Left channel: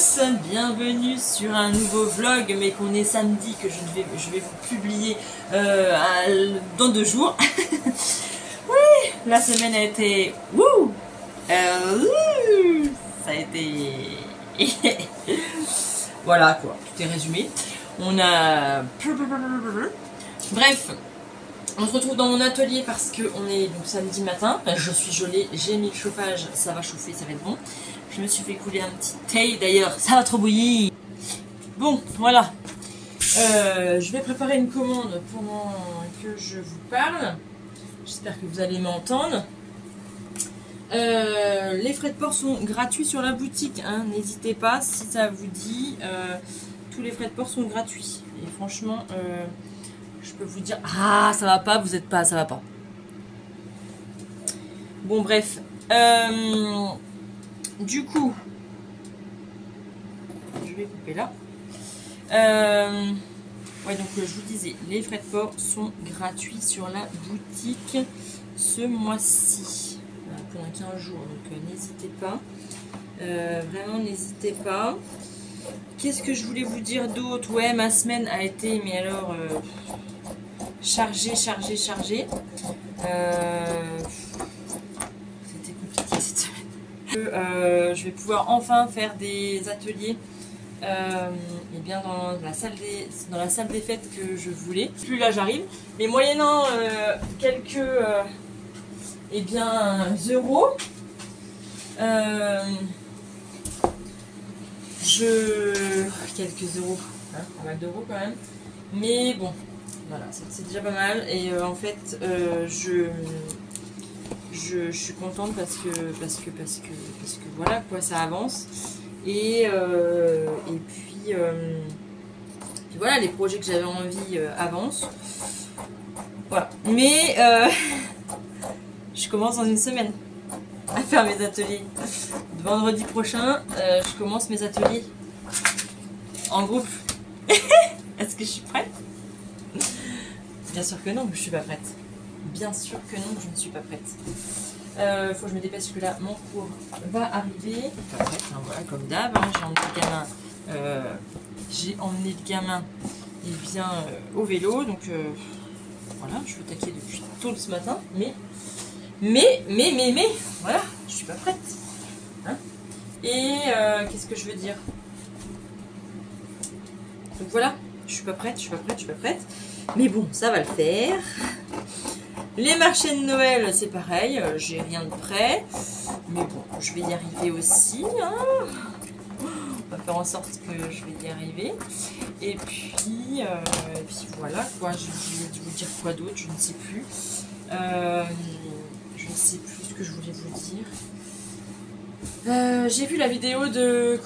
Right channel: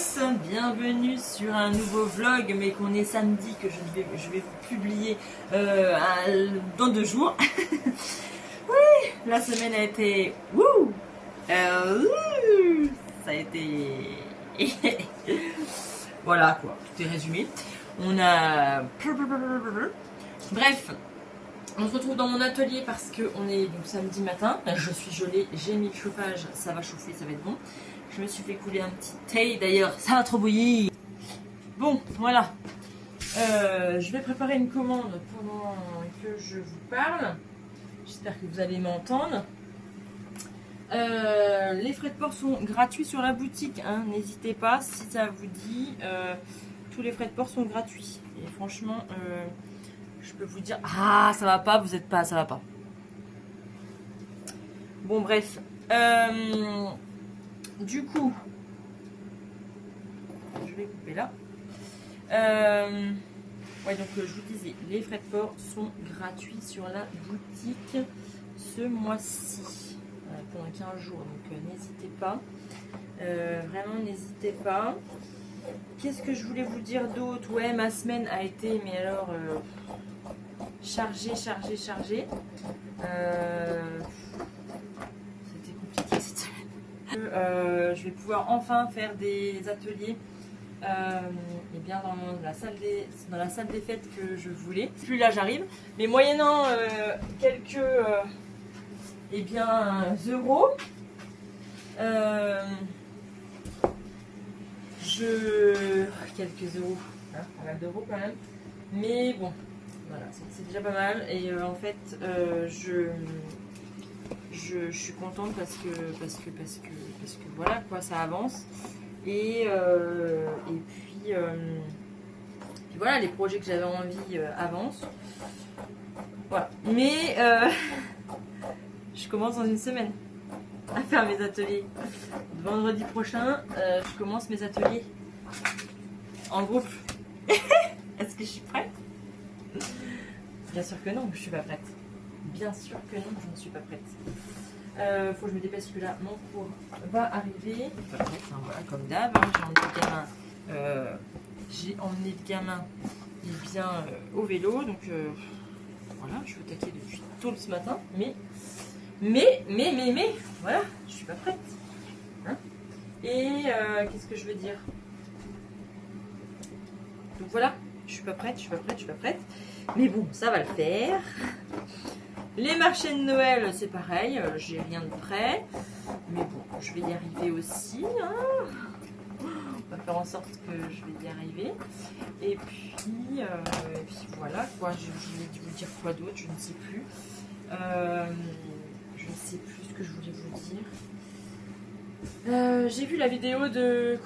tous, bienvenue sur un nouveau vlog, mais qu'on est samedi, que je vais vous publier dans 2 jours. Ouais, la semaine a été... Wouh, ça a été... Voilà quoi, tout est résumé. On a... Bref, on se retrouve dans mon atelier parce qu'on est donc samedi matin. Je suis gelée, j'ai mis le chauffage, ça va chauffer, ça va être bon. Je me suis fait couler un petit thé d'ailleurs, ça va trop bouillir. Bon, voilà. Je vais préparer une commande pendant que je vous parle. J'espère que vous allez m'entendre. Les frais de port sont gratuits sur la boutique, hein. N'hésitez pas, si ça vous dit, tous les frais de port sont gratuits. Et franchement, je peux vous dire, ah ça va pas, vous êtes pas, ça va pas. Bon bref, du coup, je vais couper là. Ouais, donc je vous disais, les frais de port sont gratuits sur la boutique ce mois-ci, pendant 15 jours, donc n'hésitez pas, vraiment n'hésitez pas. Qu'est-ce que je voulais vous dire d'autre? Ouais, ma semaine a été, mais alors, chargée. C'était compliqué cette semaine. Je vais pouvoir enfin faire des ateliers et bien dans la salle des fêtes que je voulais. Plus là j'arrive, mais moyennant quelques et bien euros, quelques euros, hein, pas mal d'euros quand même, mais bon, voilà, c'est déjà pas mal. Et en fait, je suis contente parce que voilà quoi, ça avance. Et puis voilà, les projets que j'avais envie avancent. Voilà. Mais je commence dans une semaine à faire mes ateliers. Vendredi prochain, je commence mes ateliers en groupe. Est-ce que je suis prête? Bien sûr que non, je suis pas prête. Bien sûr que non, je ne suis pas prête. Faut que je me dépêche parce que là, mon cours va arriver. Voilà, comme d'hab, hein, j'ai emmené le gamin et bien, au vélo. Donc voilà, je suis attaquée depuis tôt ce matin. Mais, voilà, je suis pas prête. Hein, et qu'est-ce que je veux dire? Donc voilà, je suis pas prête. Mais bon, ça va le faire. Les marchés de Noël, c'est pareil, j'ai rien de prêt. Mais bon, je vais y arriver aussi. Hein. On va faire en sorte que je vais y arriver. Et puis voilà, quoi. Je vais vous dire quoi d'autre, je ne sais plus. Je ne sais plus ce que je voulais vous dire. J'ai vu la vidéo de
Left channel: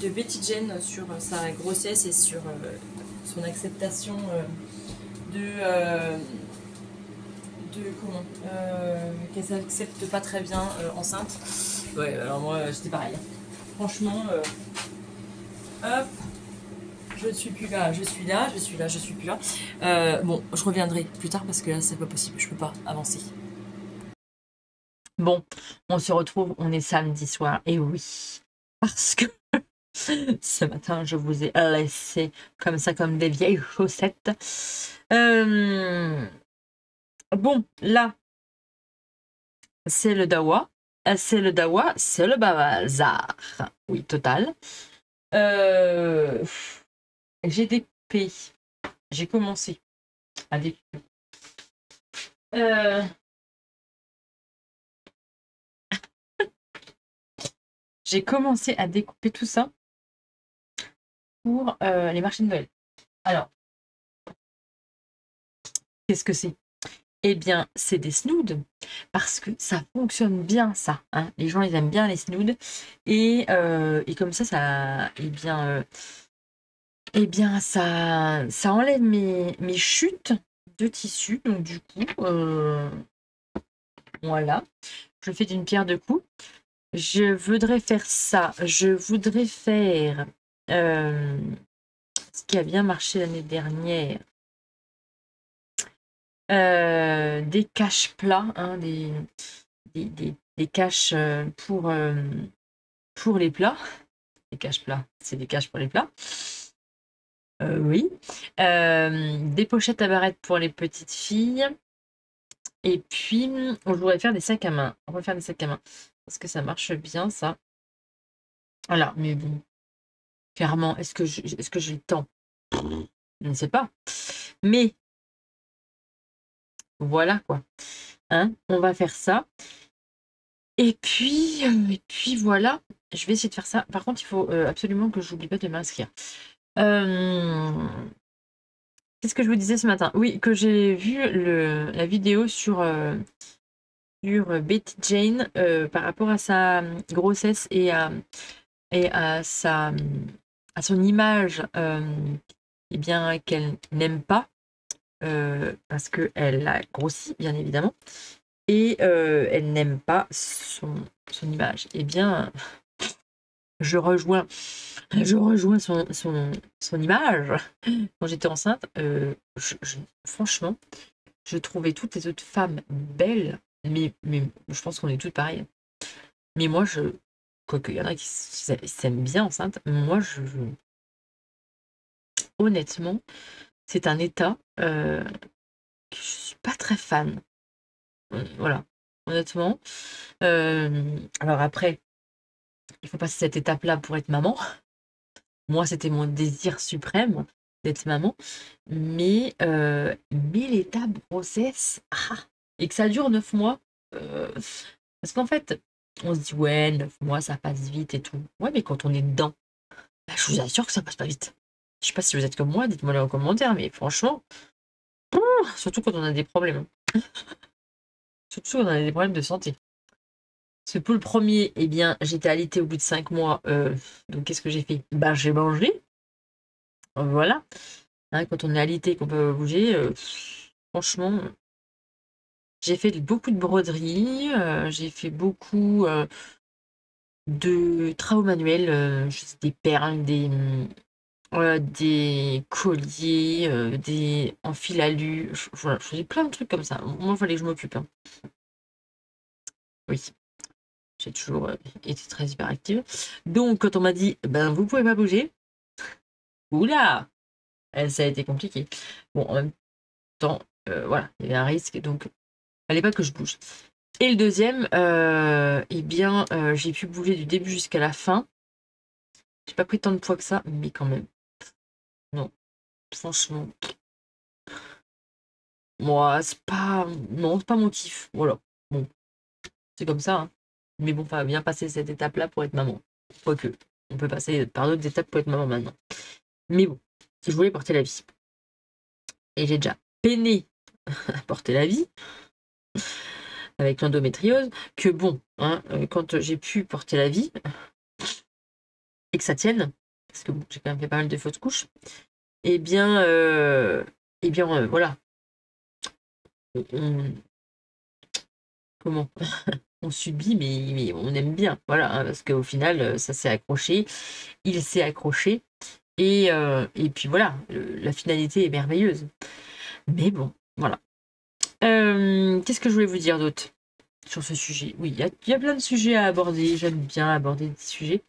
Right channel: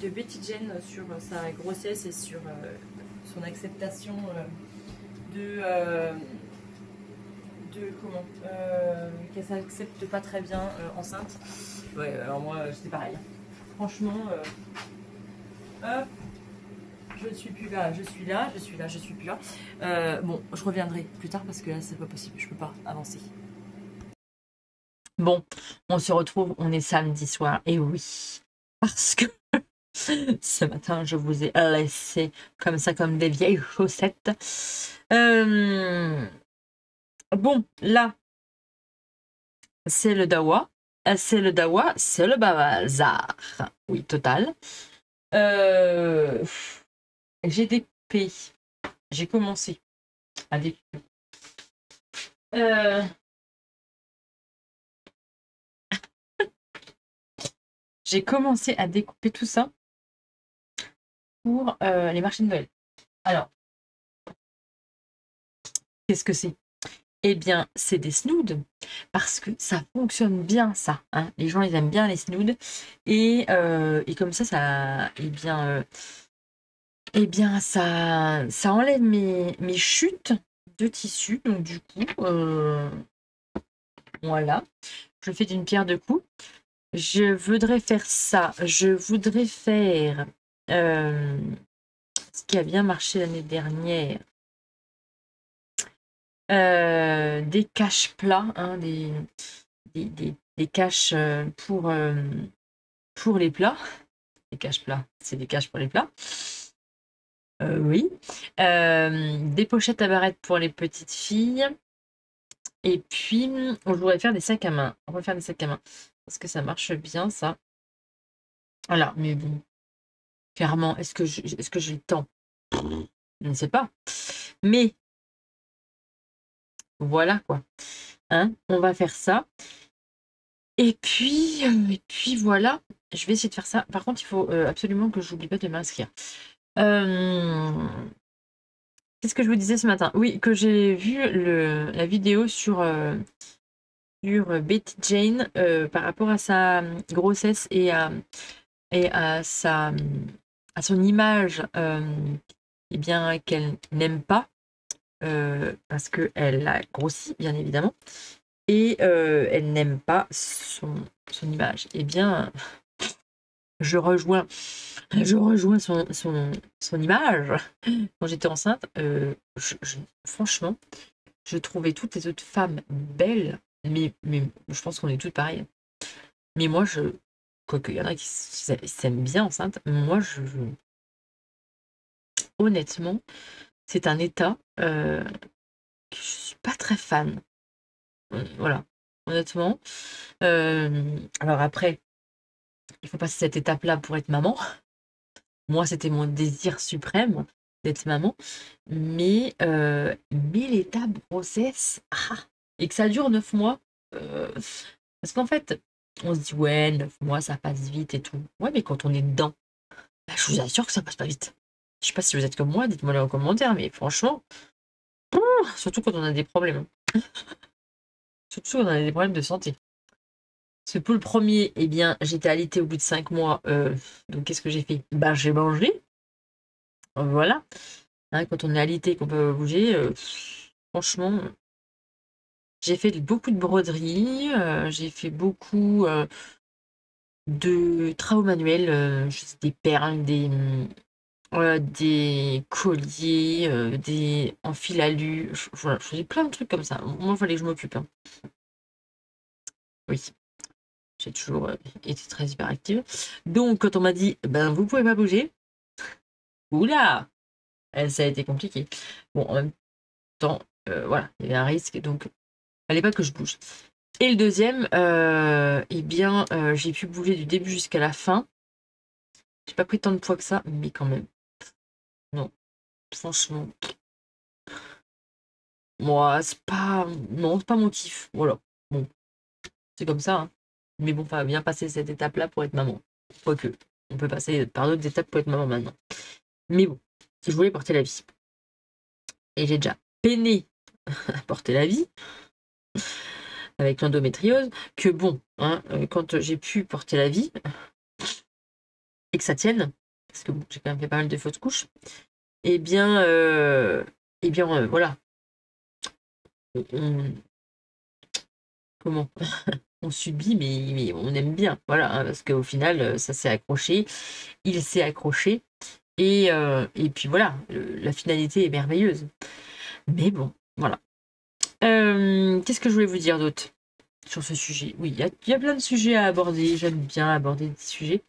de Betty Jane sur sa grossesse et sur son acceptation qu'elle s'accepte pas très bien enceinte. Ouais, alors moi j'étais pareil. Franchement, hop, je ne suis plus là, je suis là, je suis plus là. Bon, je reviendrai plus tard parce que là c'est pas possible, je peux pas avancer. Bon, on se retrouve, on est samedi soir, et oui, parce que ce matin, je vous ai laissé comme ça, comme des vieilles chaussettes. Bon, là, c'est le dawa. C'est le dawa, c'est le bazar. Oui, total. J'ai découpé. J'ai commencé à découper. J'ai commencé à découper tout ça pour les marchés de Noël. Alors, qu'est-ce que c'est? Eh bien, c'est des snoods, parce que ça fonctionne bien, ça. Hein. Les gens, ils aiment bien les snoods. Et comme ça, ça enlève mes chutes de tissu. Donc, du coup, voilà. Je le fais d'une pierre deux coups. Je voudrais faire ça. Je voudrais faire ce qui a bien marché l'année dernière. Des caches plats, hein, des caches pour les plats. des caches plats, c'est des caches pour les plats. Oui. Des pochettes à barrettes pour les petites filles. Et puis, on voudrait faire des sacs à main. On va faire des sacs à main. Parce que ça marche bien, ça. Voilà, mais bon, clairement, est-ce que j'ai le temps? Je ne sais pas. Mais, voilà, quoi. Hein, on va faire ça. Et puis, voilà. Je vais essayer de faire ça. Par contre, il faut absolument que j'oublie pas de m'inscrire. Qu'est-ce que je vous disais ce matin? Oui, que j'ai vu la vidéo sur Betty Jane par rapport à sa grossesse et à son image eh bien, qu'elle n'aime pas parce qu'elle a grossi, bien évidemment, et elle n'aime pas son image. Eh bien, je rejoins son image. Quand j'étais enceinte, franchement, je trouvais toutes les autres femmes belles, mais je pense qu'on est toutes pareilles. Mais moi, quoique, il y en a qui s'aiment bien enceinte, moi, honnêtement, c'est un état que je suis pas très fan. Voilà, honnêtement. Alors après, il faut passer cette étape-là pour être maman. Moi, c'était mon désir suprême d'être maman. Mais l'étape grossesse, et que ça dure 9 mois. Parce qu'en fait, on se dit, ouais, 9 mois, ça passe vite et tout. Ouais, mais quand on est dedans, bah, je vous assure que ça passe pas vite. Je sais pas si vous êtes comme moi, dites-moi en commentaire, mais franchement, surtout quand on a des problèmes. Surtout quand on a des problèmes de santé. Parce que pour le premier, eh bien, j'étais alitée au bout de 5 mois. Donc, qu'est-ce que j'ai fait? Bah, j'ai mangé. Voilà. Hein, quand on est alité et qu'on peut bouger, franchement, j'ai fait beaucoup de broderie. J'ai fait beaucoup de travaux manuels. Des perles, des colliers, des en fil alu. Voilà, je faisais plein de trucs comme ça. Moi, il fallait que je m'occupe. Hein. Oui. J'ai toujours été très hyperactive. Donc, quand on m'a dit, ben, vous pouvez pas bouger, oula, ça a été compliqué. Bon, en même temps, voilà, il y avait un risque, donc il fallait pas que je bouge. Et le deuxième, eh bien, j'ai pu bouger du début jusqu'à la fin. J'ai pas pris tant de poids que ça, mais quand même. Non, franchement, moi, c'est pas, non, c'est pas mon kiff. Voilà, bon, c'est comme ça. Hein. Mais bon, ça va bien passer cette étape-là pour être maman. Quoique, on peut passer par d'autres étapes pour être maman maintenant. Mais bon, si je voulais porter la vie. Et j'ai déjà peiné à porter la vie avec l'endométriose, que bon, hein, quand j'ai pu porter la vie et que ça tienne, parce que bon, j'ai quand même fait pas mal de fausses couches, eh bien, voilà. On- comment on subit, mais on aime bien, voilà, hein, parce qu'au final, ça s'est accroché, il s'est accroché, et puis voilà, la finalité est merveilleuse. Mais bon, voilà. Qu'est-ce que je voulais vous dire d'autre sur ce sujet? Oui, il y a plein de sujets à aborder. J'aime bien aborder des sujets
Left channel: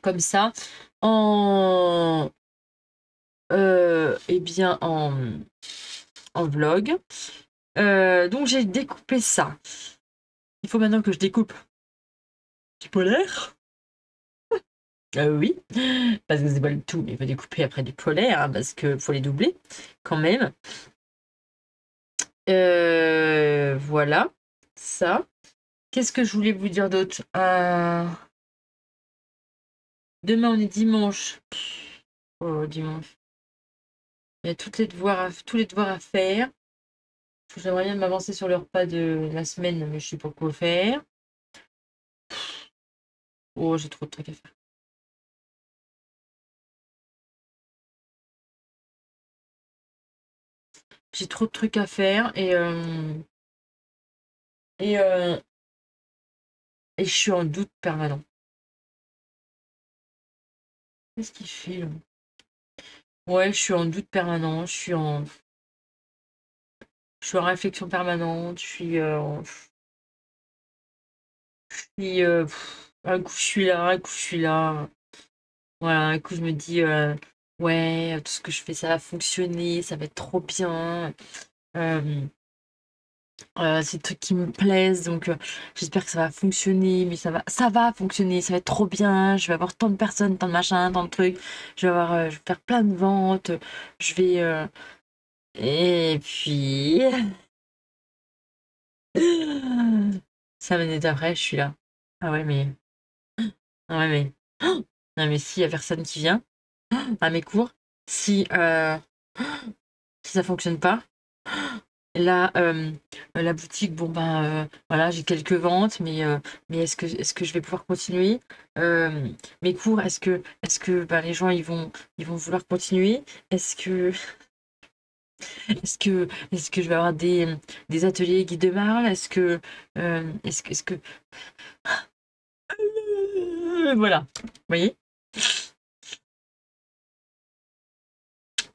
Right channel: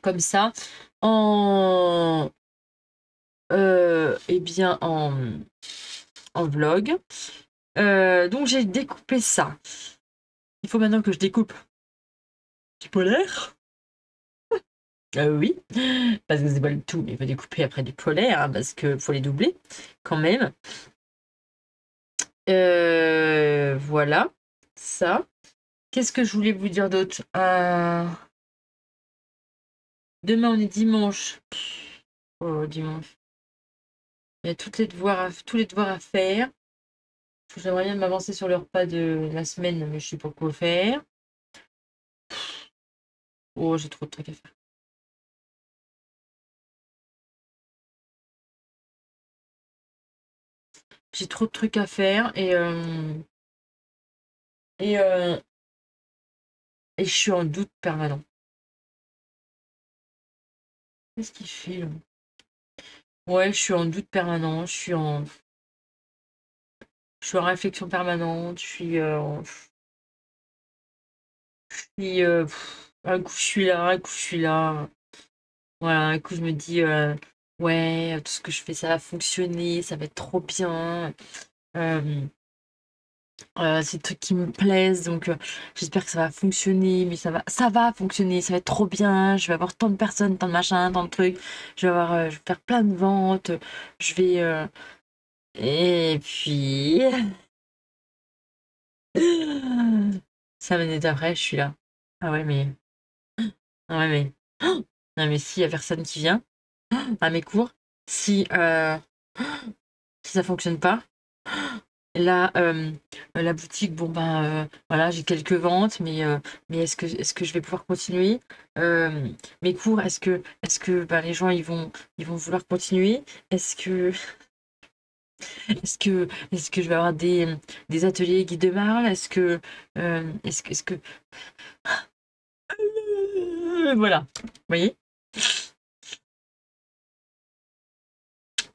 comme ça en eh bien en vlog. Donc j'ai découpé ça. Il faut maintenant que je découpe du polaire. Oui, parce que c'est pas le tout, mais il faut découper après du polaire, hein, parce que faut les doubler quand même. Voilà, ça. Qu'est-ce que je voulais vous dire d'autre? Demain, on est dimanche. Oh, dimanche. Il y a tous les devoirs à faire. J'aimerais bien m'avancer sur le repas de la semaine, mais je sais pas quoi faire. Oh, j'ai trop de trucs à faire. J'ai trop de trucs à faire et, euh, et je suis en doute permanent. Qu'est-ce qu'il fait là? Ouais, je suis en doute permanent. Je suis en réflexion permanente. Je suis Un coup je suis là, un coup je suis là. Voilà, un coup je me dis ouais, tout ce que je fais ça va fonctionner, ça va être trop bien. Euh, c'est des trucs qui me plaisent, donc j'espère que ça va fonctionner, mais ça va fonctionner, ça va être trop bien. Je vais avoir tant de personnes, tant de machins, tant de trucs. Je vais faire plein de ventes. Je vais et puis 5 minutes après, je suis là. Ah ouais, mais ah ouais, mais non, mais s'il y a personne qui vient à mes cours, si si ça fonctionne pas. Là, la boutique, bon ben voilà, j'ai quelques ventes, mais est-ce que je vais pouvoir continuer? Mes cours, est-ce que ben, les gens ils vont vouloir continuer? Est-ce que est-ce que je vais avoir des ateliers guide de Marle? Est-ce que voilà, vous voyez,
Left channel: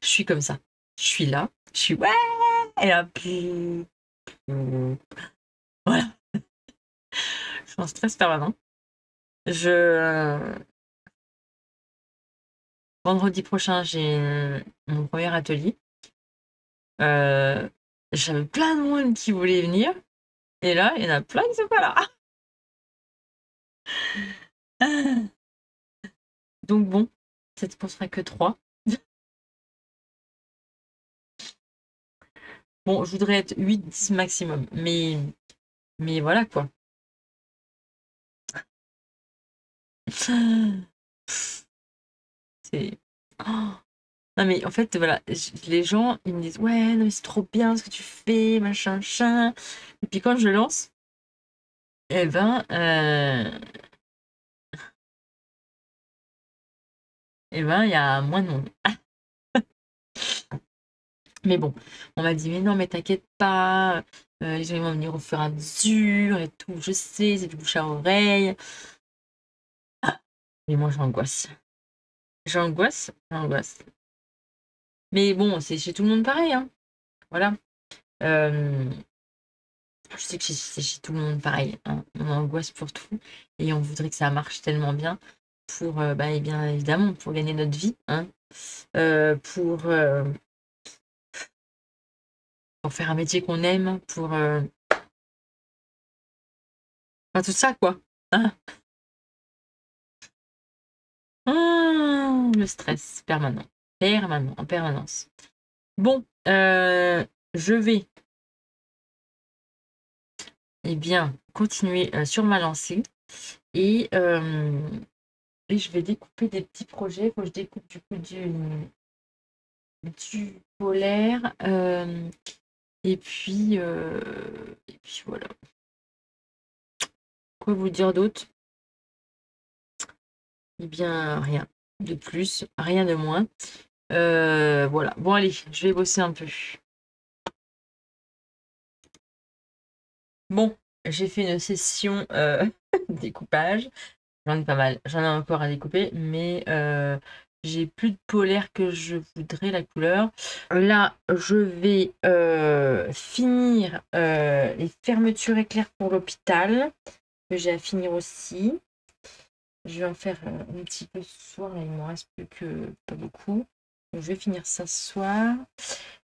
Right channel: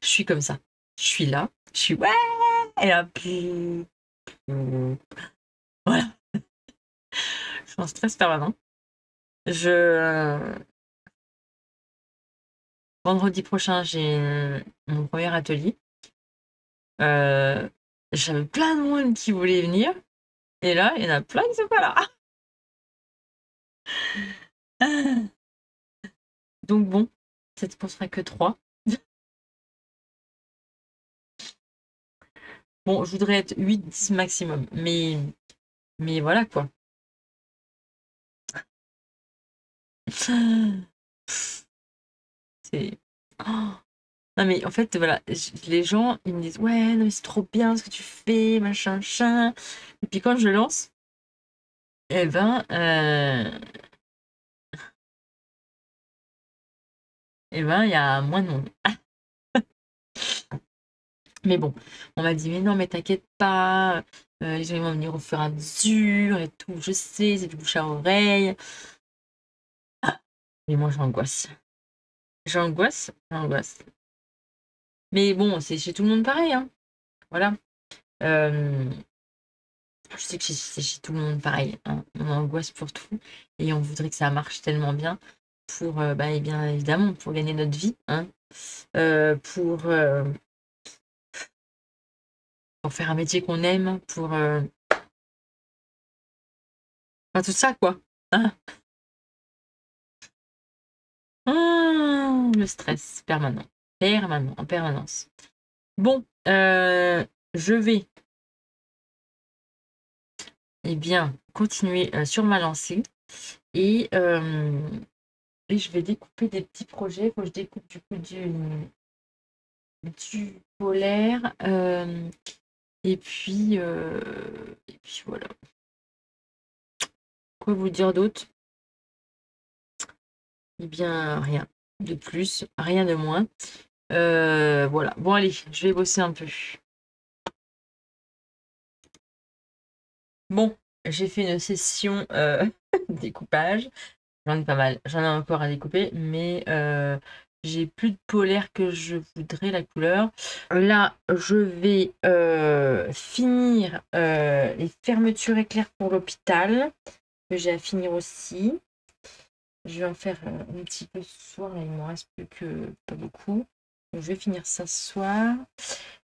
je suis comme ça. Je suis là, je suis ouais, et là, voilà, je suis en stress permanent. Je Vendredi prochain, j'ai mon premier atelier. Euh, J'avais plein de monde qui voulait venir. Et là, il y en a plein qui sont pas là. Donc bon, cette ne sera que 3. Bon, je voudrais être 8-10 maximum. Mais voilà quoi. C'est. Oh. Non mais en fait, voilà, les gens, ils me disent, ouais, non mais c'est trop bien ce que tu fais, machin, machin. Et puis quand je lance, eh ben, il y a moins de monde. Mais bon, on m'a dit, mais non, mais t'inquiète pas, les gens ils vont venir au fur et à mesure et tout, je sais, c'est du bouche à oreille. Ah, mais moi j'angoisse. J'angoisse, j'angoisse. Mais bon, c'est chez tout le monde pareil, hein. Voilà. Euh, je sais que c'est chez tout le monde pareil, hein. On angoisse pour tout et on voudrait que ça marche tellement bien pour, bah, et bien évidemment, pour gagner notre vie, hein. Pour faire un métier qu'on aime, enfin, tout ça, quoi. Hein. Le stress permanent. Permanent, en permanence. Bon, je vais bien continuer sur ma lancée et, et je vais découper des petits projets. Faut que je découpe du coup du polaire. Et puis voilà. Quoi vous dire d'autre? Eh bien, rien de plus, rien de moins. Voilà. Bon, allez, je vais bosser un peu. Bon, j'ai fait une session découpage. J'en ai pas mal. J'en ai encore à découper, mais j'ai plus de polaire que je voudrais la couleur. Là, je vais finir les fermetures éclairs pour l'hôpital, que j'ai à finir aussi. Je vais en faire un petit peu ce soir. Là, il me reste plus que pas beaucoup. Donc, je vais finir ça ce soir.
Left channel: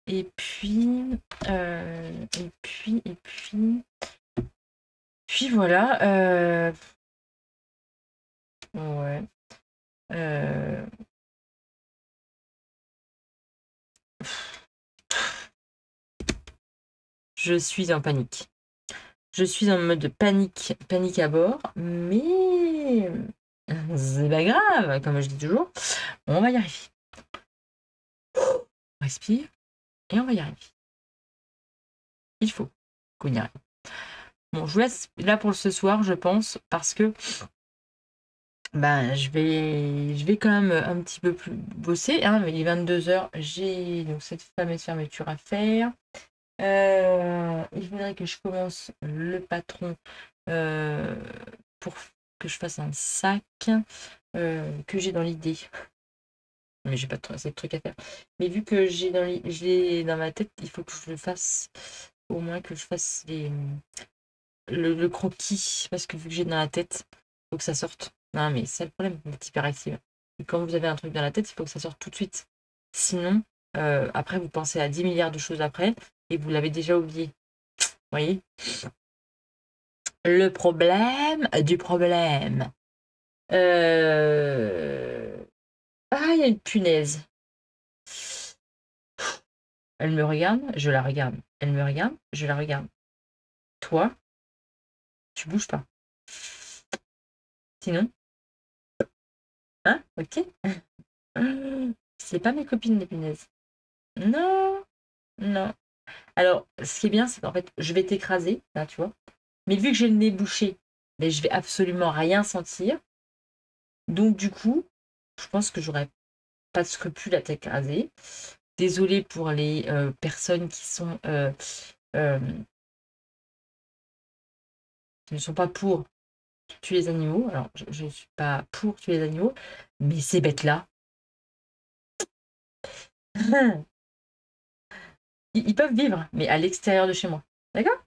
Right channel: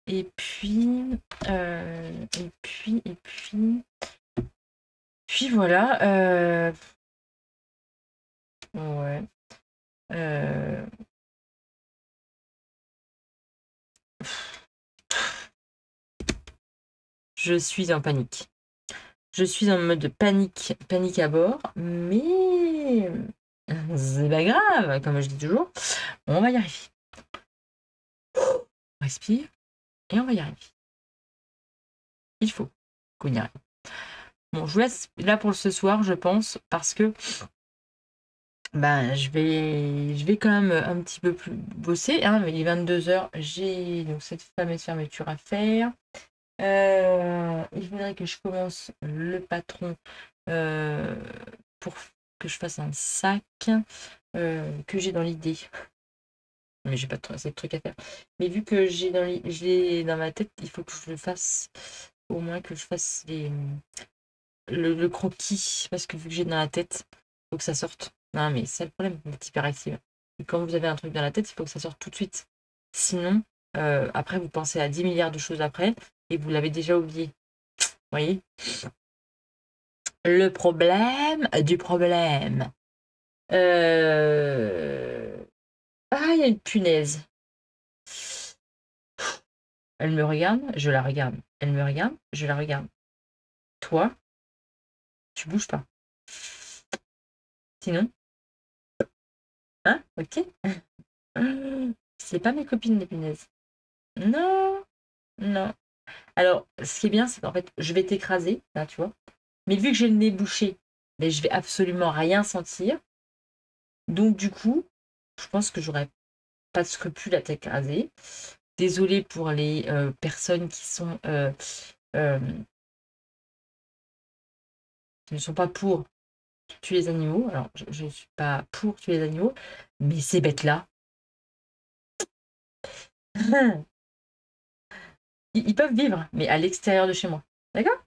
Et puis, puis voilà. Ouais. Euh, je suis en panique. Je suis en mode panique, panique à bord, mais c'est pas grave, comme je dis toujours, on va y arriver. On respire et on va y arriver. Il faut qu'on y arrive. Bon, je vous laisse là pour ce soir, je pense, parce que ben, je vais quand même un petit peu plus bosser. Hein, mais il est 22h, j'ai donc cette fameuse fermeture à faire. Il faudrait que je commence le patron pour que je fasse un sac que j'ai dans l'idée. Mais j'ai pas assez de trucs à faire. Mais vu que je l'ai dans ma tête, il faut que je le fasse, au moins que je fasse le croquis, parce que vu que j'ai dans la tête, faut que ça sorte. Non, mais c'est le problème, vous êtes hyperactive. Et quand vous avez un truc dans la tête, il faut que ça sorte tout de suite. Sinon, après, vous pensez à 10 milliards de choses après et vous l'avez déjà oublié. Vous voyez? Le problème du problème. Ah, il y a une punaise. Elle me regarde, je la regarde. Elle me regarde, je la regarde. Toi, tu bouges pas. Sinon, hein, ok. C'est pas mes copines les punaises. Non, non. Alors, ce qui est bien, c'est qu'en fait, je vais t'écraser, là, tu vois. Mais vu que j'ai le nez bouché, ben, je vais absolument rien sentir. Donc, du coup, je pense que j'aurais pas de scrupule à t'écraser. Désolée pour les personnes euh, qui ne sont pas pour tuer les animaux. Alors, je ne suis pas pour tuer les animaux, mais ces bêtes-là, ils peuvent vivre, mais à l'extérieur de chez moi. D'accord?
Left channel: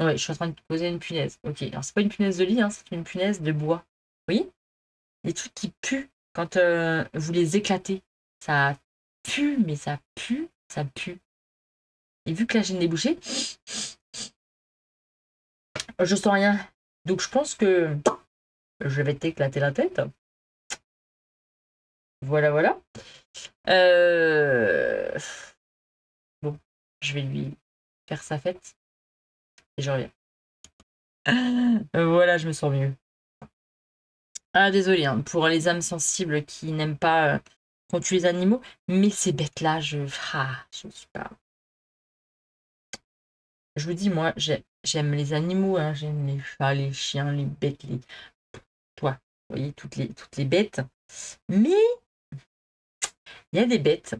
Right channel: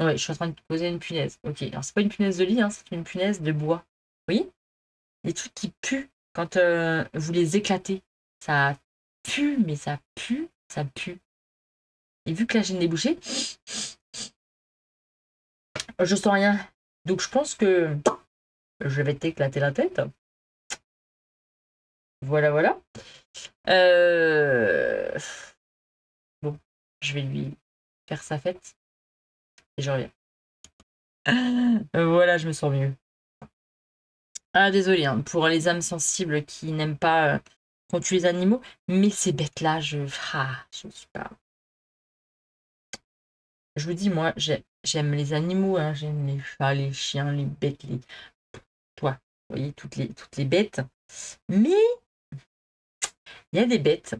Ouais, je suis en train de te poser une punaise. Ok, alors c'est pas une punaise de lit, hein, c'est une punaise de bois. Oui? Les trucs qui puent quand vous les éclatez. Ça pue, mais ça pue, ça pue. Et vu que là j'ai le nez bouché, je sens rien. Donc je pense que je vais t'éclater la tête. Voilà, voilà. Bon, je vais lui faire sa fête et je reviens. Voilà, je me sens mieux. Ah, désolé, hein, pour les âmes sensibles qui n'aiment pas qu'on tue les animaux, mais ces bêtes-là, je ne suis pas. Je vous dis, moi, j'aime les animaux, hein, j'aime les chats, les chiens, les bêtes, toi, vous voyez, toutes les bêtes. Mais il y a des bêtes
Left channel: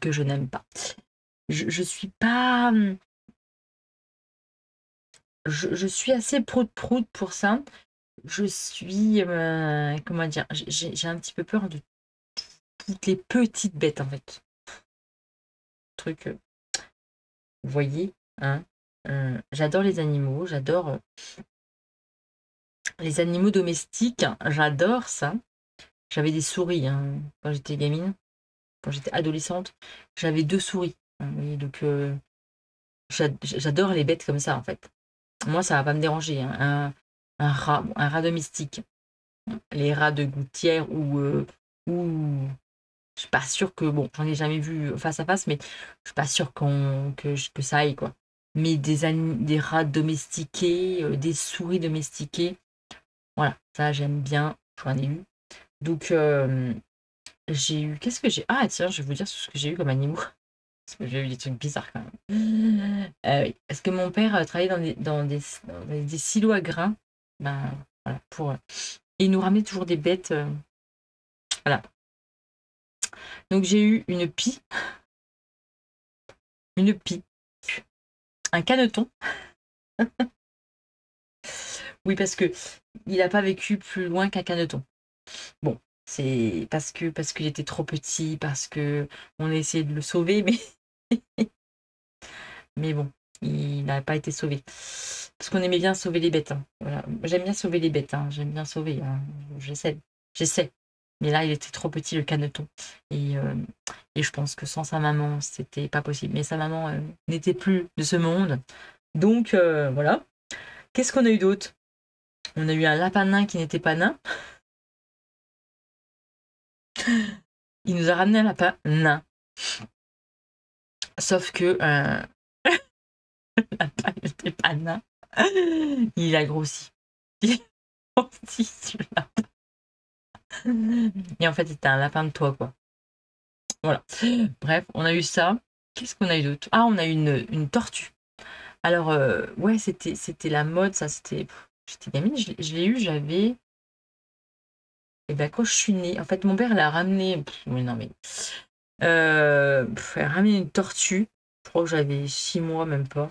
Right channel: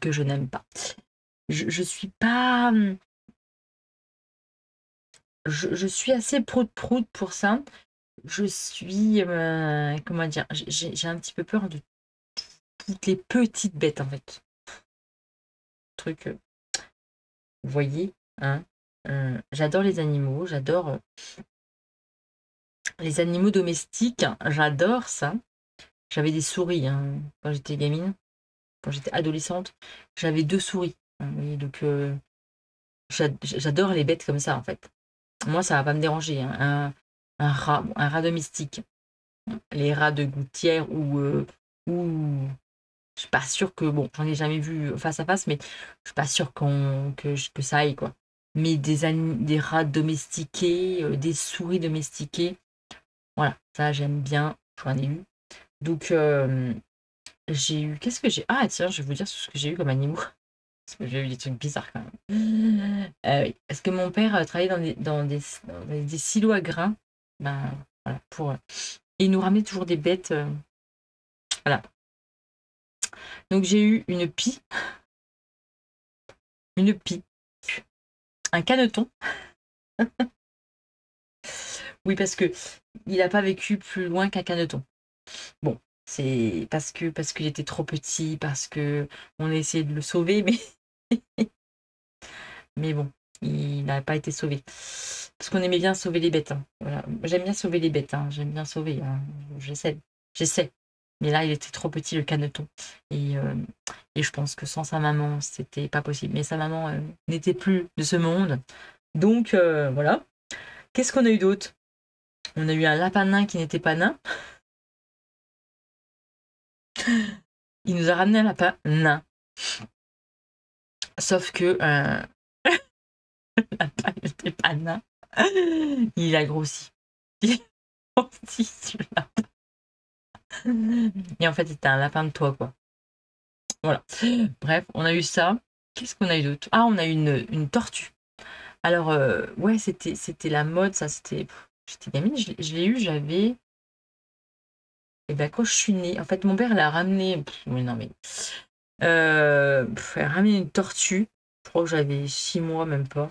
que je n'aime pas. Je suis pas. Je suis assez prout-prout pour ça. Je suis. Comment dire? J'ai un petit peu peur de toutes les petites bêtes, en fait. Truc, vous voyez, hein? J'adore les animaux, j'adore les animaux domestiques, j'adore ça. J'avais des souris hein, quand j'étais gamine, quand j'étais adolescente. J'avais 2 souris. Hein, vous voyez, donc, j'adore les bêtes comme ça, en fait. Moi, ça va pas me déranger, hein. Un rat domestique. Les rats de gouttière ou je suis pas sûre que, bon, j'en ai jamais vu face à face, mais je suis pas sûre que ça aille, quoi. Mais des rats domestiqués, des souris domestiquées, voilà, ça j'aime bien, j'en ai eu. Donc, j'ai eu, qu'est-ce que j'ai? Ah, tiens, je vais vous dire ce que j'ai eu comme animaux. Parce que j'ai eu des trucs bizarres quand même. Oui, parce que mon père travaillait dans des silos à grains. Ben, voilà, et il nous ramenait toujours des bêtes. Voilà. Donc j'ai eu une pie, un caneton. Oui, parce que il n'a pas vécu plus loin qu'un caneton. Bon, c'est parce qu'il était trop petit, parce que on a essayé de le sauver, mais bon, il n'a pas été sauvé. Parce qu'on aimait bien sauver les bêtes. Hein. Voilà. J'aime bien sauver les bêtes. Hein. J'aime bien sauver. Hein. J'essaie. Mais là, il était trop petit, le caneton. Et je pense que sans sa maman, c'était pas possible. Mais sa maman n'était plus de ce monde. Donc, voilà. Qu'est-ce qu'on a eu d'autre? On a eu un lapin nain qui n'était pas nain. Il nous a ramené un lapin nain. Sauf que le lapin n'était pas nain. Il a grossi. Il a grossi ce lapin. Et en fait, c'était un lapin de toit, quoi. Voilà. Bref, on a eu ça. Qu'est-ce qu'on a eu d'autre? Ah, on a eu une tortue. Alors, ouais, c'était la mode, ça, j'étais gamine, je l'ai eu, j'avais. Et ben, quand je suis née, en fait, mon père l'a ramené. Oui, non, mais. Elle a ramené une tortue. Je crois que j'avais 6 mois, même pas.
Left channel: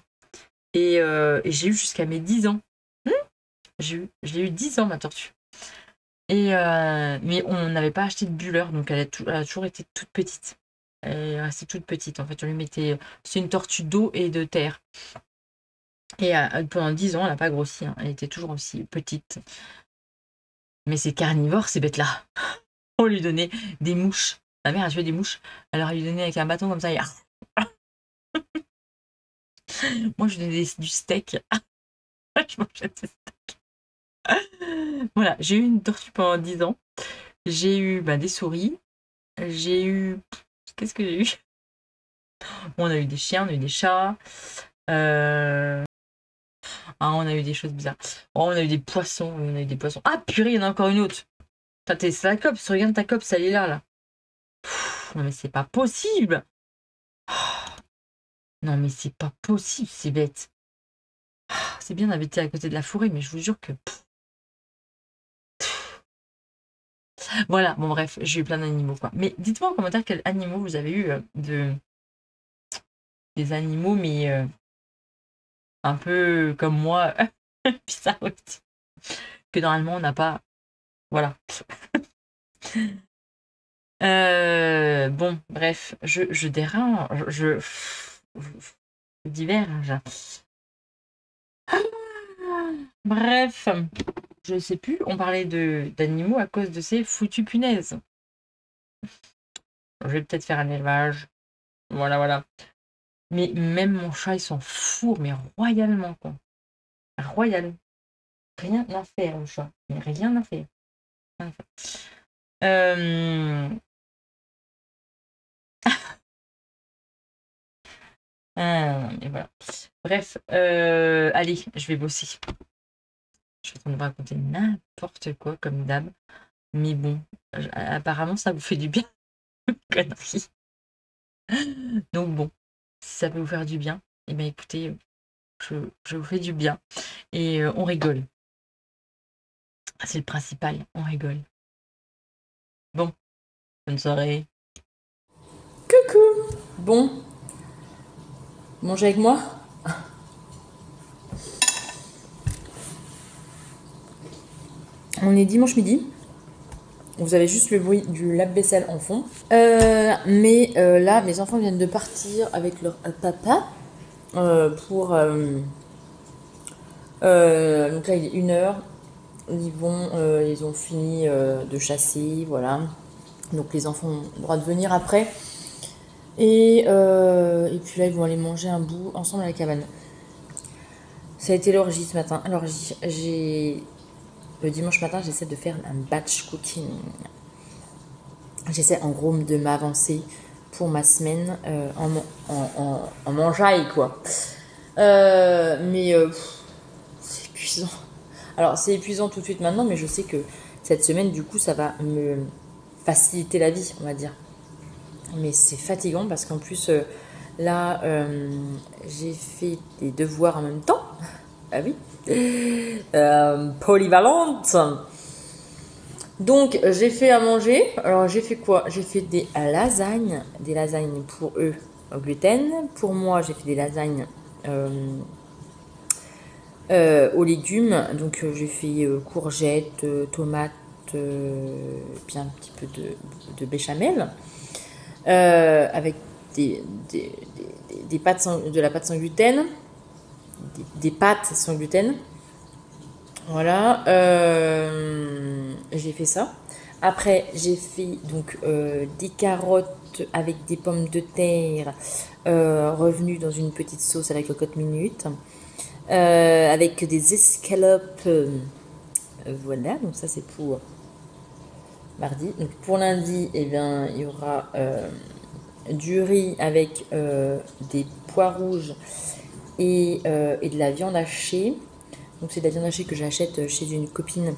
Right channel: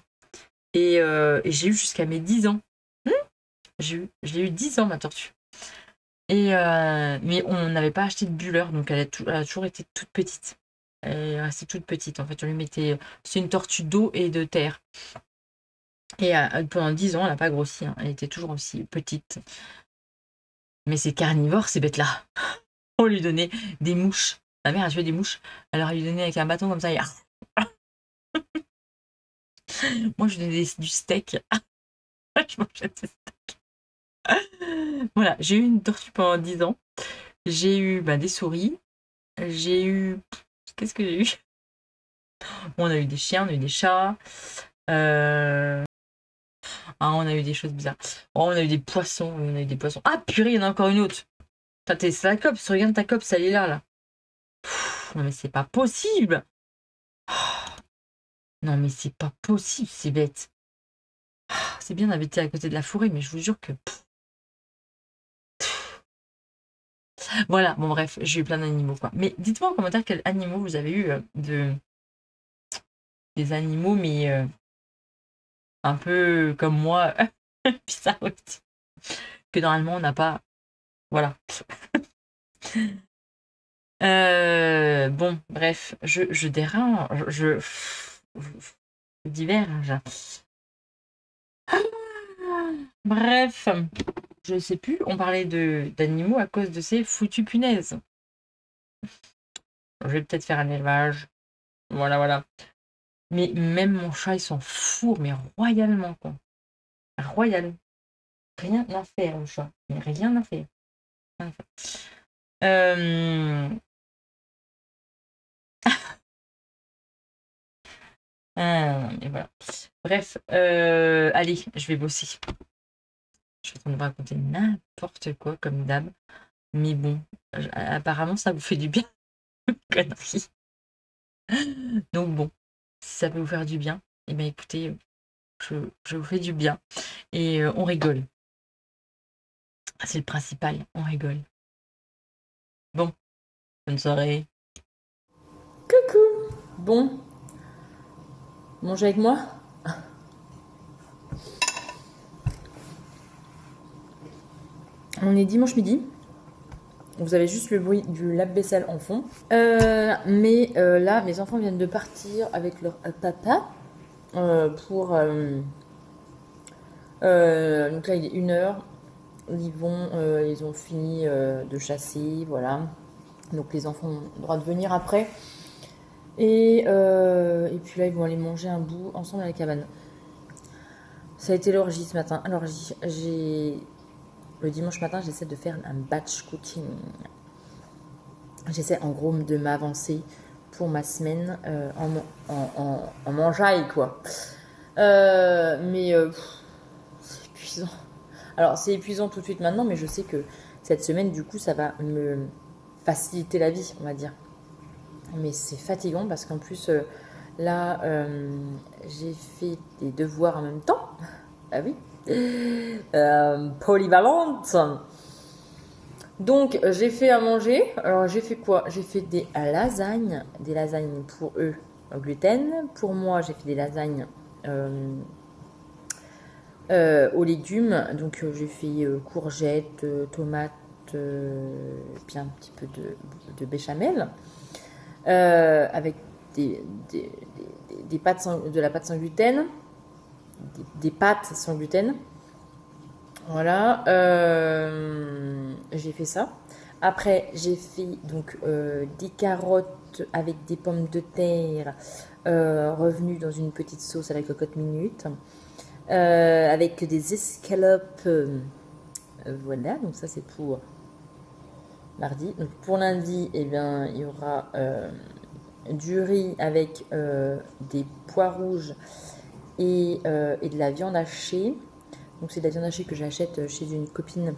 Et j'ai eu jusqu'à mes 10 ans. Je l'ai eu 10 ans, ma tortue. Mais on n'avait pas acheté de bulleur, donc elle a toujours été toute petite. Elle est restée toute petite. En fait, on lui mettait. C'est une tortue d'eau et de terre. Et pendant 10 ans, elle n'a pas grossi. Hein. Elle était toujours aussi petite. Mais c'est carnivore, ces bêtes-là. On lui donnait des mouches. Ma mère a tué des mouches. Alors, elle lui donnait avec un bâton comme ça. Et... Moi, je donnais du steak. Je mangeais des steaks. Voilà, j'ai eu une tortue pendant 10 ans. J'ai eu des souris. J'ai eu... Qu'est-ce que j'ai eu? On a eu des chiens, on a eu des chats. On a eu des choses bizarres. Oh, on a eu des poissons. On a eu des poissons. Ah, purée, il y en a encore une autre. C'est la copse. Regarde ta copse, elle est là. Non, mais c'est pas possible. Non, mais c'est pas possible, c'est bête. C'est bien d'habiter à côté de la forêt, mais je vous jure que... Voilà, bon bref, j'ai eu plein d'animaux, quoi. Mais dites-moi en commentaire quels animaux vous avez eu des animaux, mais un peu comme moi, bizarre aussi. Que normalement, on n'a pas... Voilà. Bon, bref, je dérange, je diverge. Bref, je sais plus, on parlait d'animaux à cause de ces foutues punaises. Je vais peut-être faire un élevage. Voilà, voilà. Mais même mon chat, il s'en fout, mais royalement, quoi. Royal. Rien à faire, le chat. Mais rien à faire. Rien à faire. Et voilà. Bref, allez, je vais bosser. Je suis en train de vous raconter n'importe quoi, comme d'hab. Mais bon, apparemment, ça vous fait du bien. Connerie. Donc bon, si ça peut vous faire du bien, eh bien écoutez, je vous fais du bien. Et on rigole. C'est le principal, on rigole. Bon, bonne soirée. Coucou. Bon, mangez avec moi. On est dimanche midi. Vous avez juste le bruit du lave-vaisselle en fond. Mais là, mes enfants viennent de partir avec leur papa pour... donc là, il est 1h. Ils ont fini de chasser, voilà. Donc les enfants ont le droit de venir après. Et puis là, ils vont aller manger un bout ensemble à la cabane. Ça a été l'orgie ce matin. Le dimanche matin, j'essaie de faire un batch cooking. J'essaie en gros de m'avancer pour ma semaine en mangeaille, quoi. Mais c'est épuisant. Alors, c'est épuisant tout de suite maintenant, mais je sais que cette semaine, du coup, ça va me faciliter la vie, on va dire. Mais c'est fatigant parce qu'en plus, là, j'ai fait des devoirs en même temps. Ah oui. Polyvalente. Donc, j'ai fait à manger. Alors, j'ai fait quoi? J'ai fait des lasagnes. Des lasagnes pour eux au gluten. Pour moi, j'ai fait des lasagnes aux légumes. Donc, j'ai fait courgettes, tomates, puis un petit peu de béchamel. Avec des pâtes de la pâte sans gluten. Des pâtes sans gluten. Voilà, j'ai fait ça. Après, j'ai fait donc des carottes avec des pommes de terre revenues dans une petite sauce à la cocotte minute, avec des escalopes. Voilà, donc ça c'est pour mardi. Donc pour lundi, eh bien, il y aura du riz avec des pois rouges et de la viande hachée. Donc c'est de la viande hachée que j'achète chez une copine.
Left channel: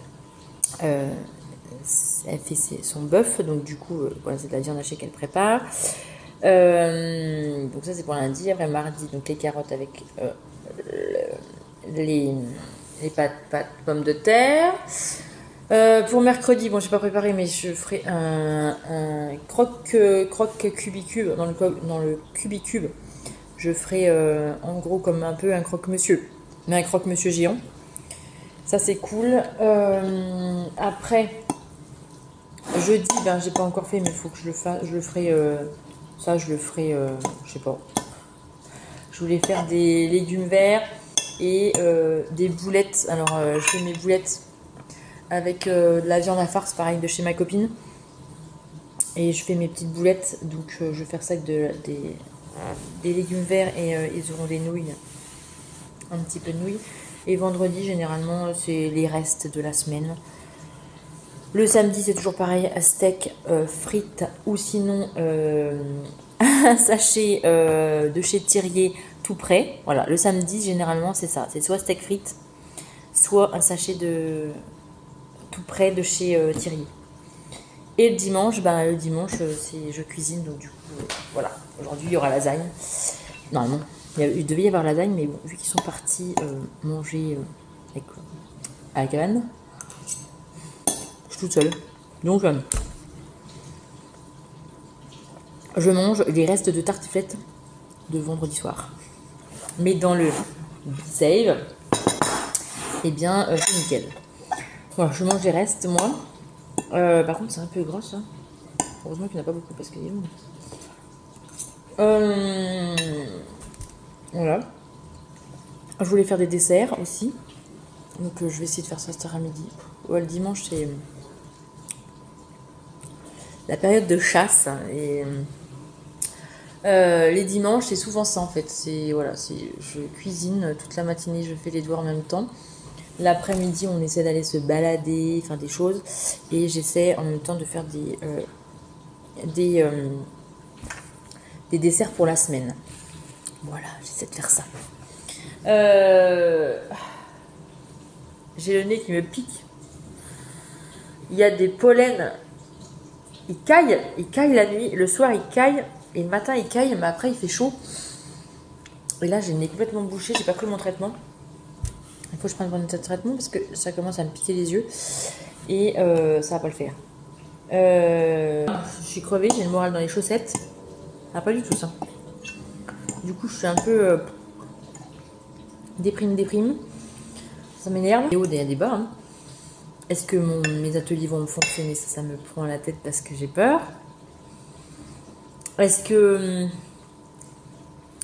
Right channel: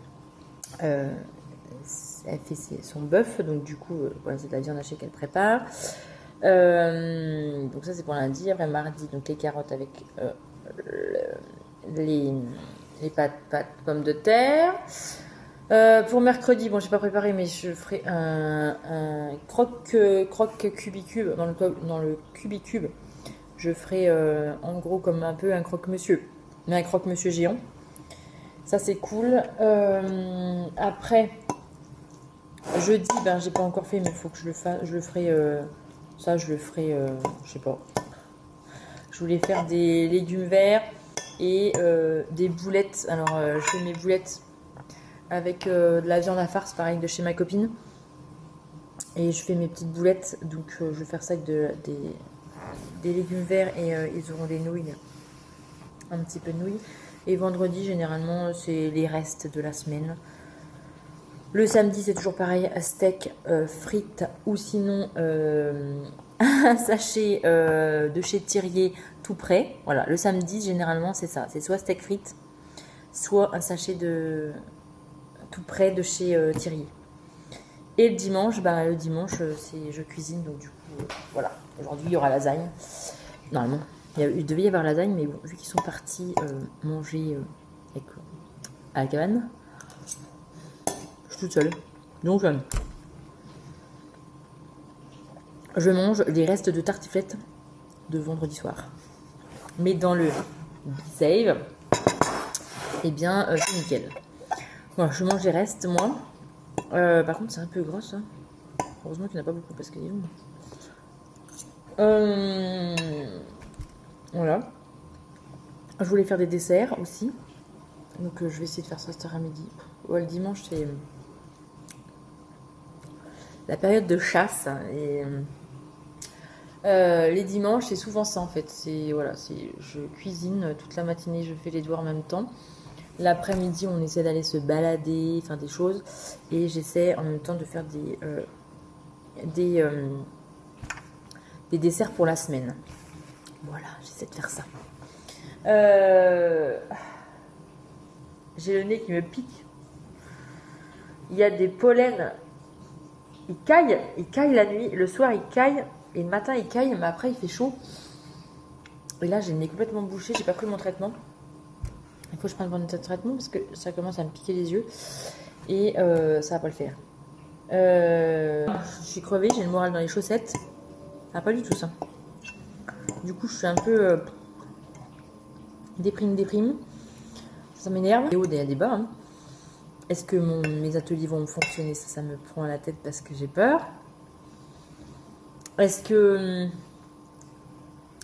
Elle fait son bœuf, donc du coup, voilà, c'est de la viande hachée qu'elle prépare. Donc ça c'est pour lundi. Après mardi, donc les carottes avec les pâtes pommes de terre. Pour mercredi, bon j'ai pas préparé, mais je ferai un croque cubicube dans le cubicube. Je ferai en gros comme un peu un croque-monsieur, mais un croque-monsieur géant. Ça c'est cool. Après, jeudi, j'ai pas encore fait, mais il faut que je le fasse. Je le ferai. Ça, je le ferai. Je sais pas. Je voulais faire des légumes verts et des boulettes. Alors, je fais mes boulettes avec de la viande à farce, pareil, de chez ma copine. Et je fais mes petites boulettes, donc je vais faire ça avec des légumes verts et ils auront des nouilles, un petit peu de nouilles. Et vendredi, généralement, c'est les restes de la semaine. Le samedi, c'est toujours pareil, steak, frites ou sinon un sachet de chez Thirier tout prêt. Voilà, le samedi, généralement, c'est ça. C'est soit steak frites, soit un sachet de tout prêt de chez Thirier. Et le dimanche, je cuisine, donc du coup, voilà. Aujourd'hui, il y aura lasagne. Normalement, il devait y avoir lasagne, mais bon, vu qu'ils sont partis manger à la cabane, je suis toute seule. Donc, je mange les restes de tartiflette de vendredi soir. Mais dans le save, eh bien, c'est nickel. Voilà, je mange les restes, moi. Par contre, c'est un peu gros, ça. Heureusement qu'il n'y en a pas beaucoup, parce qu'il est long. Voilà. Je voulais faire des desserts aussi. Donc, je vais essayer de faire ça cet après-midi. Ouais, le dimanche, c'est la période de chasse. Et les dimanches, c'est souvent ça, en fait. Voilà, je cuisine toute la matinée, je fais les devoirs en même temps. L'après-midi, on essaie d'aller se balader, faire des choses. Et j'essaie en même temps de faire des desserts pour la semaine. Voilà, j'essaie de faire ça. J'ai le nez qui me pique. Il y a des pollens. Il caille la nuit. Le soir, il caille. Et le matin, il caille. Mais après, il fait chaud. Et là, j'ai le nez complètement bouché. J'ai pas pris mon traitement. Il faut que je prenne mon traitement parce que ça commence à me piquer les yeux. Et ça va pas le faire. Je suis crevée. J'ai le moral dans les chaussettes. Ah, pas du tout ça. Du coup, je suis un peu déprime. Ça m'énerve. Il y a des hauts et des bas. Hein. Est-ce que mes ateliers vont fonctionner? Ça me prend à la tête parce que j'ai peur. Est-ce que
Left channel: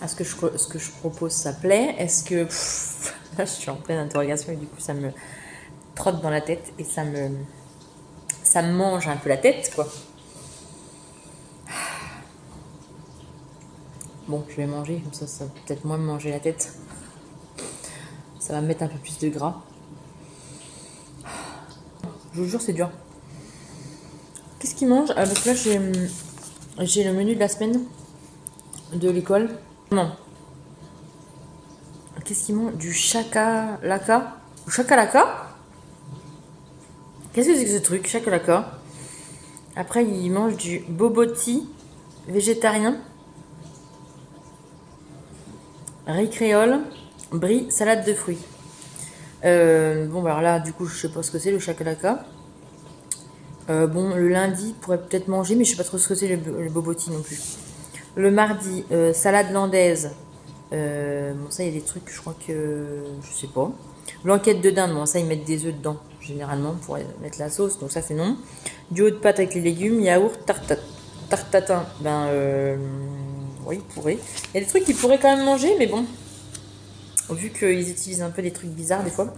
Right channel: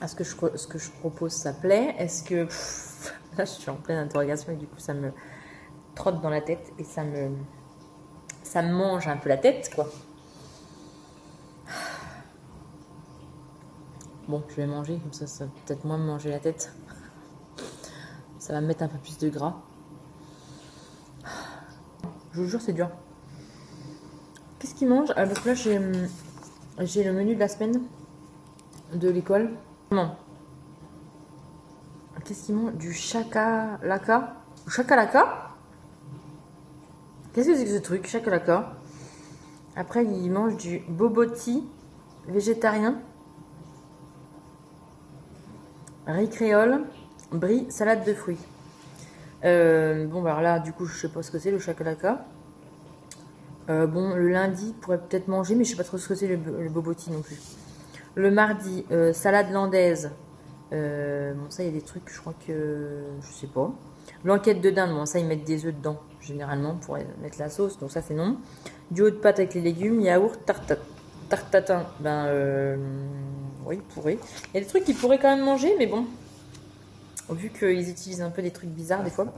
ce que je propose, ça plaît? Est-ce que... là, je suis en pleine interrogation et du coup, ça me trotte dans la tête et ça me mange un peu la tête, quoi. Bon, je vais manger, comme ça va peut-être moins me manger la tête. Ça va me mettre un peu plus de gras. Je vous jure, c'est dur. Qu'est-ce qu'ils mangent? Parce que là, j'ai le menu de la semaine de l'école. Non. Qu'est-ce qu'ils mangent? Du chakalaka? Chakalaka? Qu'est-ce que c'est que ce truc? Chakalaka. Après, ils mangent du boboti végétarien. Riz créole, brie, salade de fruits. Bon, alors là, du coup, je sais pas ce que c'est le chakalaka. Bon, le lundi, il pourrait peut-être manger, mais je sais pas trop ce que c'est le boboti non plus. Le mardi, salade landaise. Bon, ça, il y a des trucs, je crois que... je sais pas. Blanquette de dinde, bon, ça, ils mettent des œufs dedans, généralement, pour mettre la sauce, donc ça, c'est non. Du haut de pâte avec les légumes, yaourt, tartatin, oui, pourrait. Il y a des trucs qu'ils pourraient quand même manger, mais bon, vu qu'ils utilisent un peu des trucs bizarres des fois.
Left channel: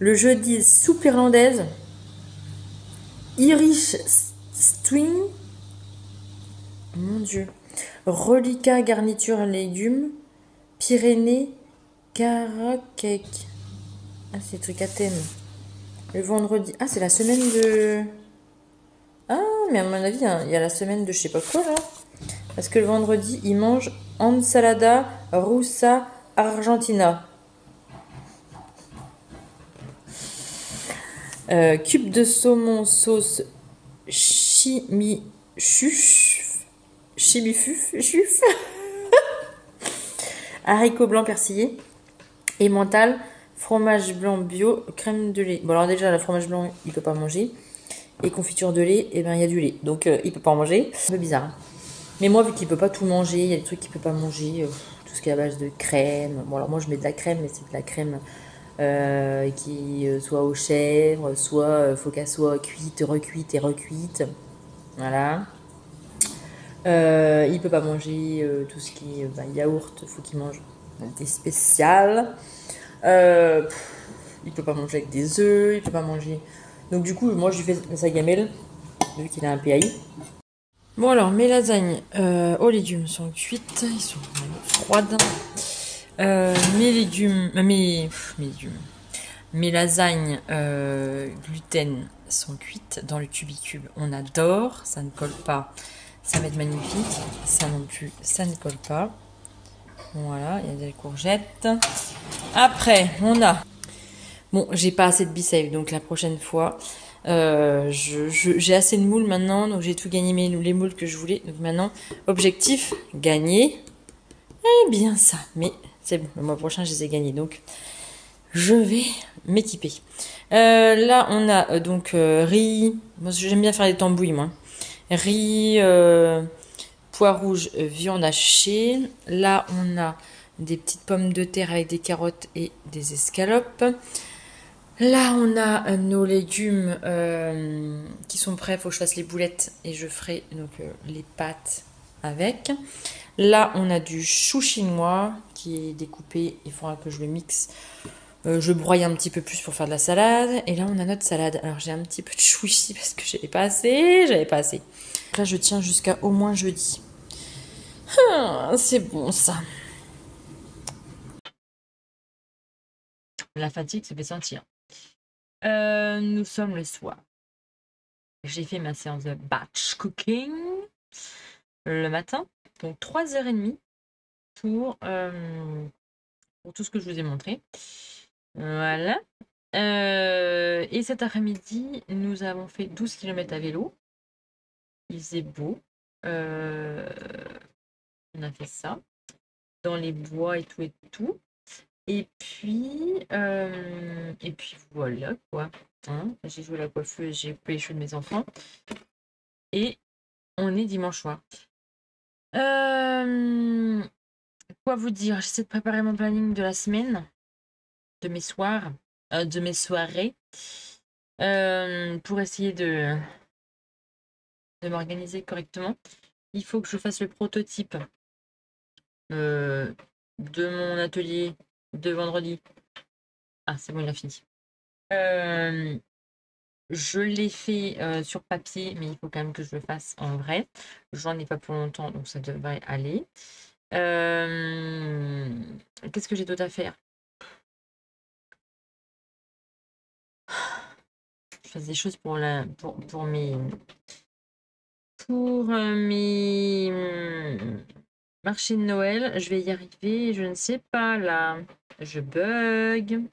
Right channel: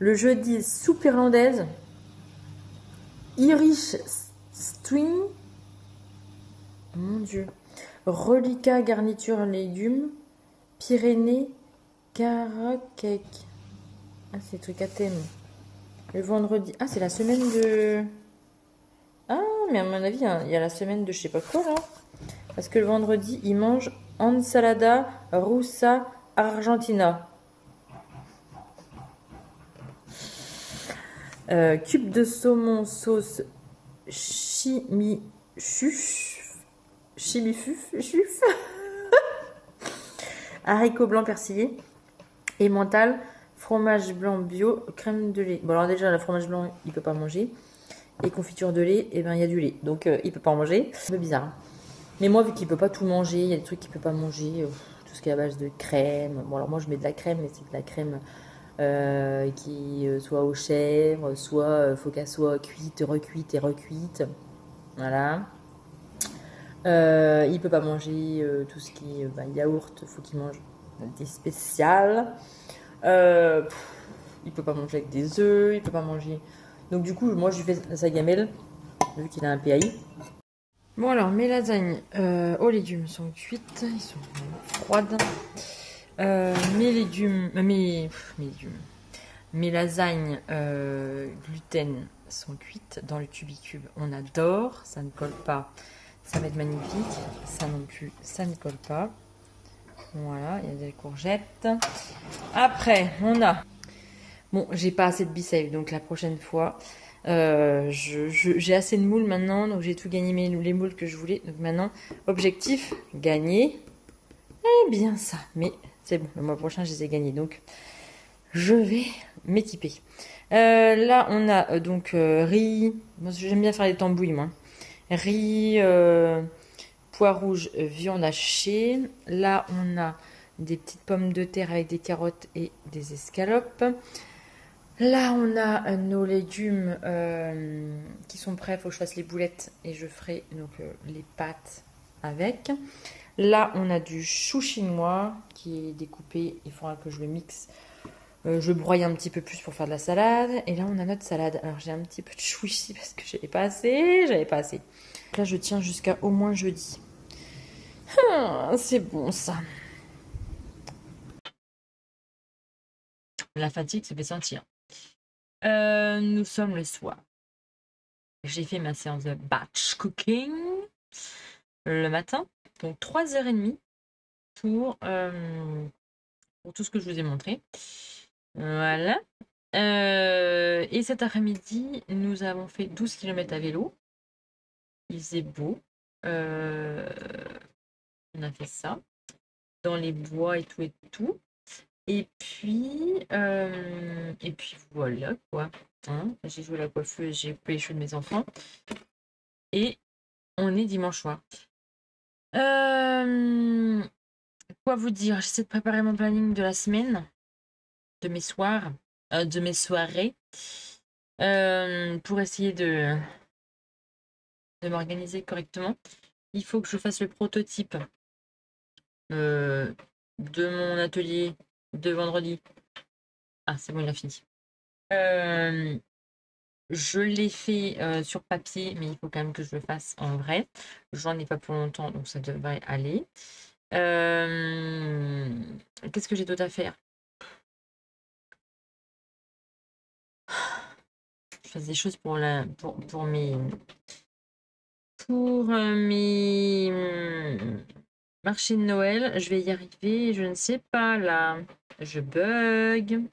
Le jeudi, soupe irlandaise, Irish string, mon dieu, reliquat garniture légumes, Pyrénées, caracake. Ah, c'est des trucs à thème. Le vendredi, ah, c'est la semaine de... Ah, mais à mon avis, il y a la semaine de je sais pas quoi là. Parce que le vendredi, ils mangent ensalada russa argentina. Cube de saumon sauce chimifuf. Haricots blancs persillés. Emmental, fromage blanc bio, crème de lait. Bon, alors déjà, le fromage blanc, il peut pas manger. Et confiture de lait, et ben il y a du lait. Donc, il peut pas en manger. C'est un peu bizarre. Mais moi, vu qu'il peut pas tout manger, il y a des trucs qu'il peut pas manger. Tout ce qui est à base de crème. Bon, alors moi, je mets de la crème, mais c'est de la crème qui soit aux chèvres, soit faut qu'elle soit cuite, recuite et recuite. Voilà. Il peut pas manger tout ce qui est yaourt, il faut qu'il mange des spéciales. Il peut pas manger avec des œufs, il peut pas manger Donc du coup, moi je lui fais sa gamelle, vu qu'il a un PAI. Bon alors, mes lasagnes aux légumes sont cuites, ils sont froides. Mes légumes, mes lasagnes gluten sont cuites dans le cubicube. On adore, ça ne colle pas, ça va être magnifique. Ça non plus, ça ne colle pas. Voilà, il y a des courgettes. Après, on a... Bon, j'ai pas assez de biceps, donc la prochaine fois, j'ai assez de moules maintenant, donc j'ai tout gagné les moules que je voulais. Donc maintenant, objectif, gagner. Eh bien ça, mais c'est bon, le mois prochain, je les ai gagnés, donc je vais m'équiper. Là, on a donc riz. Moi, j'aime bien faire des tambouilles, moi. Riz, pois rouge, viande hachée. Là, on a des petites pommes de terre avec des carottes et des escalopes. Là, on a nos légumes qui sont prêts. Il faut que je fasse les boulettes et je ferai donc les pâtes avec. Là, on a du chou chinois qui est découpé. Il faudra que je le mixe. Je broie un petit peu plus pour faire de la salade. Et là, on a notre salade. Alors, j'ai un petit peu de chou ici parce que j'avais pas assez. Là, je tiens jusqu'à au moins jeudi. Ah, c'est bon ça. La fatigue se fait sentir. Nous sommes le soir. J'ai fait ma séance de batch cooking le matin. Donc 3h30 pour tout ce que je vous ai montré. Voilà. Et cet après-midi, nous avons fait 12 km à vélo. Il faisait beau. On a fait ça. Dans les bois et tout et tout. Et puis voilà quoi. Hein, j'ai joué à la coiffeuse, j'ai coupé les cheveux de mes enfants. Et on est dimanche soir. Quoi vous dire? J'essaie de préparer mon planning de la semaine, de mes soirs, de mes soirées, pour essayer de m'organiser correctement. Il faut que je fasse le prototype de mon atelier de vendredi. Ah, c'est bon, il a fini. Je l'ai fait sur papier, mais il faut quand même que je le fasse en vrai. J'en ai pas pour longtemps, donc ça devrait aller. Qu'est-ce que j'ai d'autre à faire? Je fais des choses pour mes marchés de Noël. Je vais y arriver. Je ne sais pas là. Je bug.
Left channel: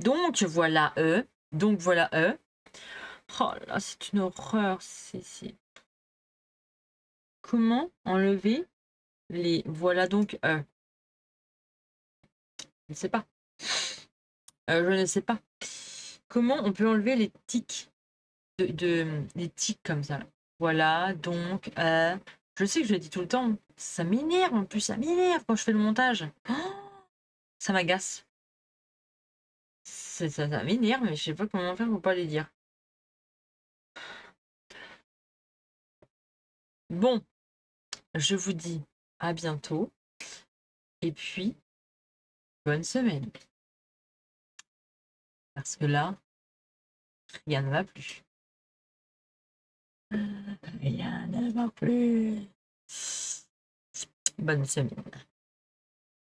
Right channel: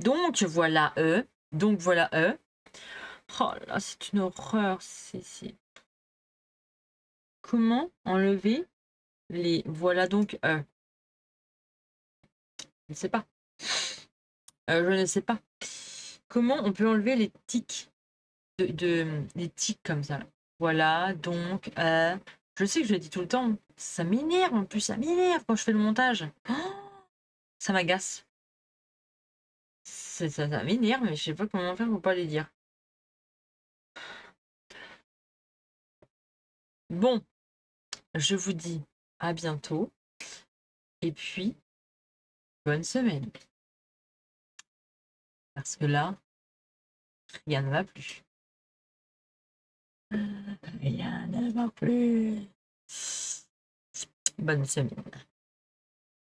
Donc voilà eux. Donc voilà eux. Oh là, c'est une horreur. Comment enlever les les donc eux? Je ne sais pas. Je ne sais pas. Comment on peut enlever les tics les tics comme ça là. Voilà, donc je sais que je le dis tout le temps. Ça m'énerve en plus, ça m'énerve quand je fais le montage. Oh, ça m'agace. Ça m'énerve, mais je sais pas comment faire pour pas les dire. Bon, je vous dis à bientôt. Et puis, bonne semaine. Parce que là, rien ne va plus. Rien ne va plus. Bonne semaine.